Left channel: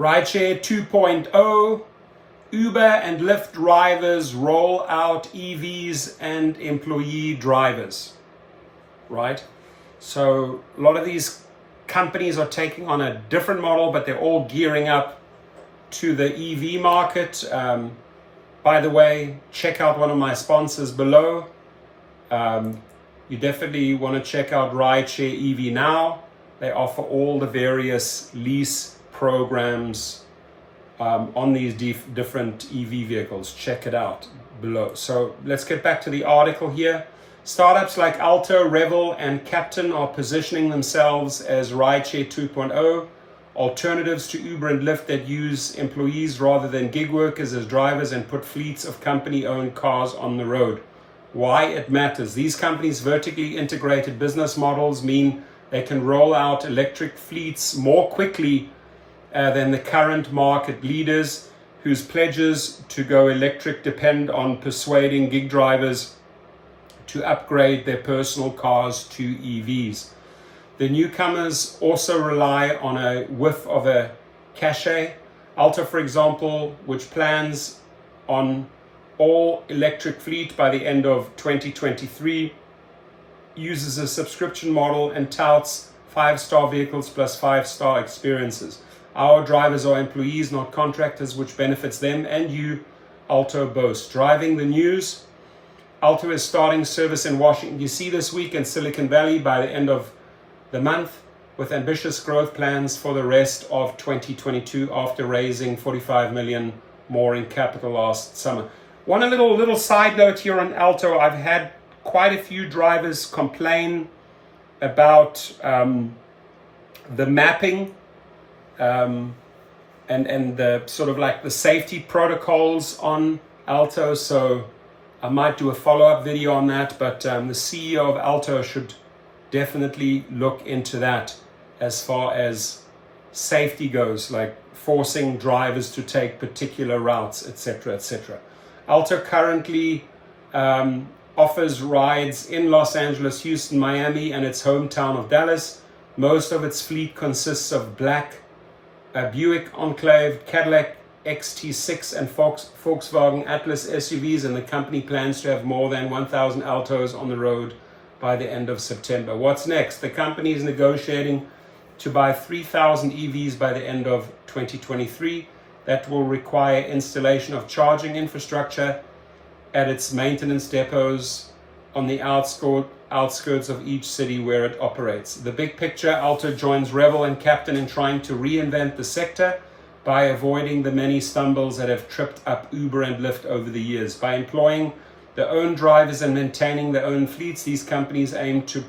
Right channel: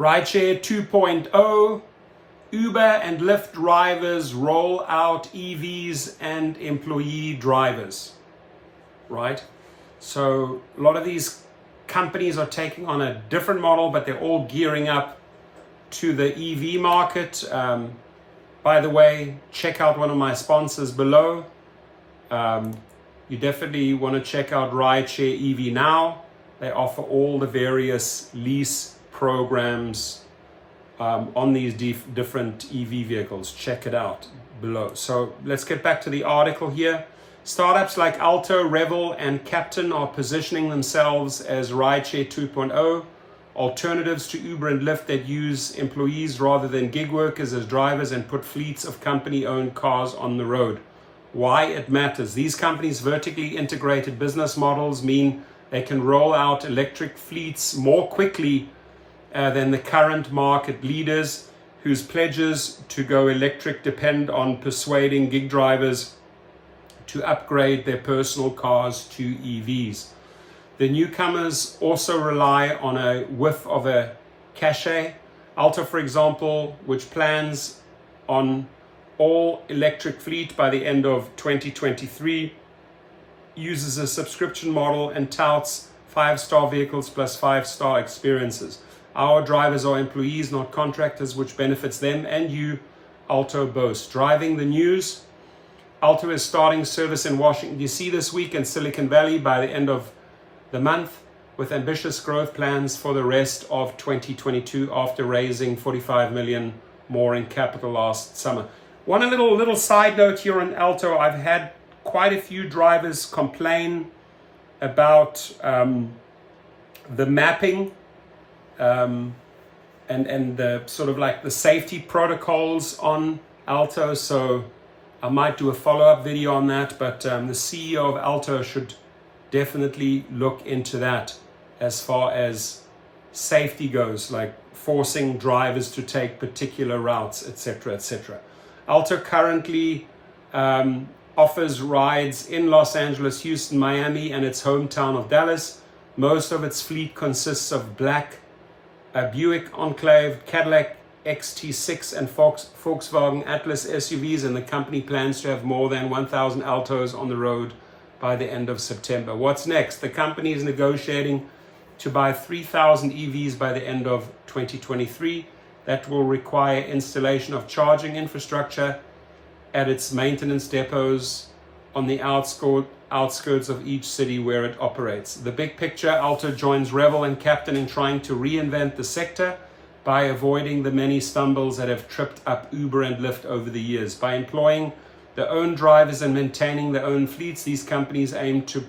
Rideshare 2.0, Uber and Lyft drivers roll out EVs and employee drivers, right? So a lot of these companies are taking on a different model, but they're all gearing up to the EV market. By the way, check out one of my sponsors below. You definitely want to check out Rideshare EV Now. They offer all the various lease programs on these different EV vehicles. Check it out below. So let's get back to the article here. Startups like Alto, Revel, and Captain are positioning themselves as Rideshare 2.0, alternatives to Uber and Lyft that use employees rather than gig workers as drivers and put fleets of company-owned cars on the road. Why it matters. These companies' vertically integrated business models mean they can roll out electric fleets more quickly than the current market leaders whose pledges to go electric depend on persuading gig drivers to upgrade their personal cars to EVs. The newcomers also rely on a whiff of a cachet. Alto, for example, which plans on all electric fleet by the end of 2023, uses a subscription model and touts 5-star vehicles plus 5-star experiences. Our drivers are employees, not contractors, which benefits them and you, Alto boasts. Driving the news. Alto is starting service in Washington, D.C. this week and Silicon Valley by the end of the month, with ambitious growth plans for the rest of 2022 after raising $45 million more in capital last summer. One little side note here on Alto. I've had quite a few drivers complain about the mapping and the sort of like the safety protocols on Alto. So I might do a follow-up video on that, but the CEO of Alto should definitely look into that as far as safety goes, like forcing drivers to take particular routes, etc., etc. Alto currently offers rides in Los Angeles, Houston, Miami, and its hometown of Dallas. Most of its fleet consists of black Buick Enclave, Cadillac XT6, and Volkswagen Atlas SUVs, and the company plans to have more than 1,000 Altos on the road by the end of September. What's next? The company is negotiating to buy 3,000 EVs by the end of 2023. That will require installation of charging infrastructure at its maintenance depots on the outskirts of each city where it operates. The big picture, Alto joins Revel and Captain in trying to reinvent the sector by avoiding the many stumbles that have tripped up Uber and Lyft over the years. By employing their own drivers and maintaining their own fleets, these companies aim to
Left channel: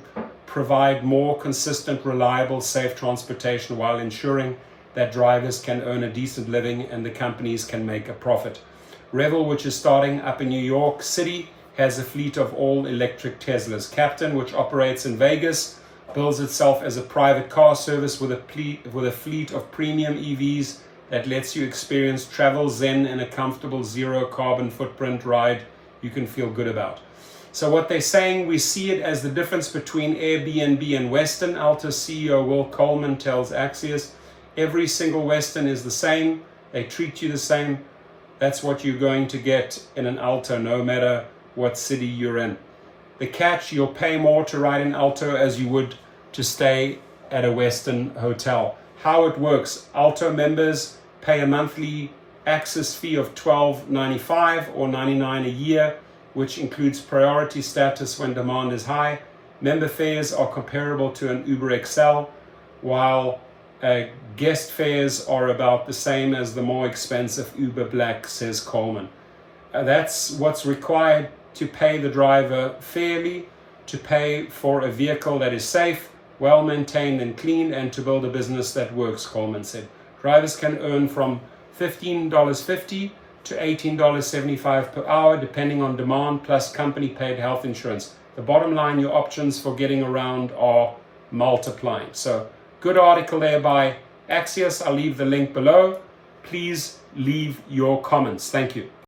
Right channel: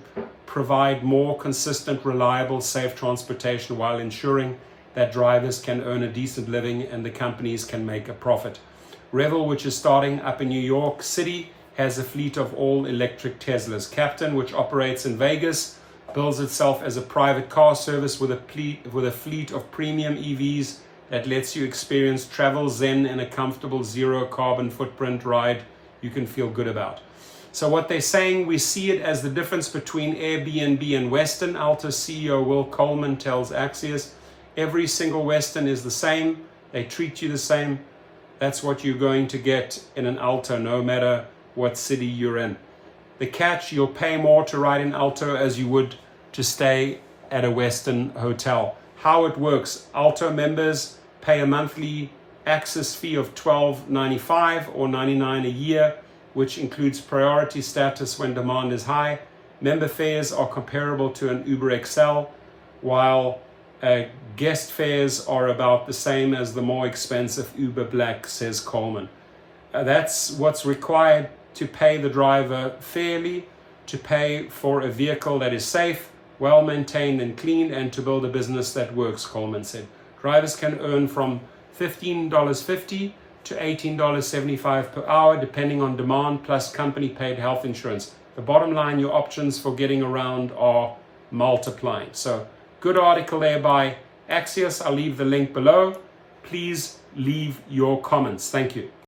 provide more consistent, reliable, safe transportation while ensuring that drivers can earn a decent living and the companies can make a profit. Revel, which is starting up in New York City, has a fleet of all-electric Teslas. Captain, which operates in Vegas, bills itself as a private car service with a fleet of premium EVs that lets you experience travel zen in a comfortable zero carbon footprint ride you can feel good about. So what they're saying, we see it as the difference between Airbnb and Western. Alto CEO Will Coleman tells Axios, every single Western is the same. They treat you the same. That's what you're going to get in an Alto, no matter what city you're in. The catch, you'll pay more to ride in Alto as you would to stay at a Western hotel. How it works, Alto members pay a monthly access fee of $12.95 or $99 a year, which includes priority status when demand is high. Member fares are comparable to an Uber XL, while guest fares are about the same as the more expensive Uber Black, says Coleman. That's what's required to pay the driver fairly, to pay for a vehicle that is safe, well maintained and clean, and to build a business that works, Coleman said. Drivers can earn from $15.50 to $18.75 per hour, depending on demand, plus company paid health insurance. The bottom line, your options for getting around are multiplying. So good article there by Axios. I'll leave the link below. Please leave your comments. Thank you.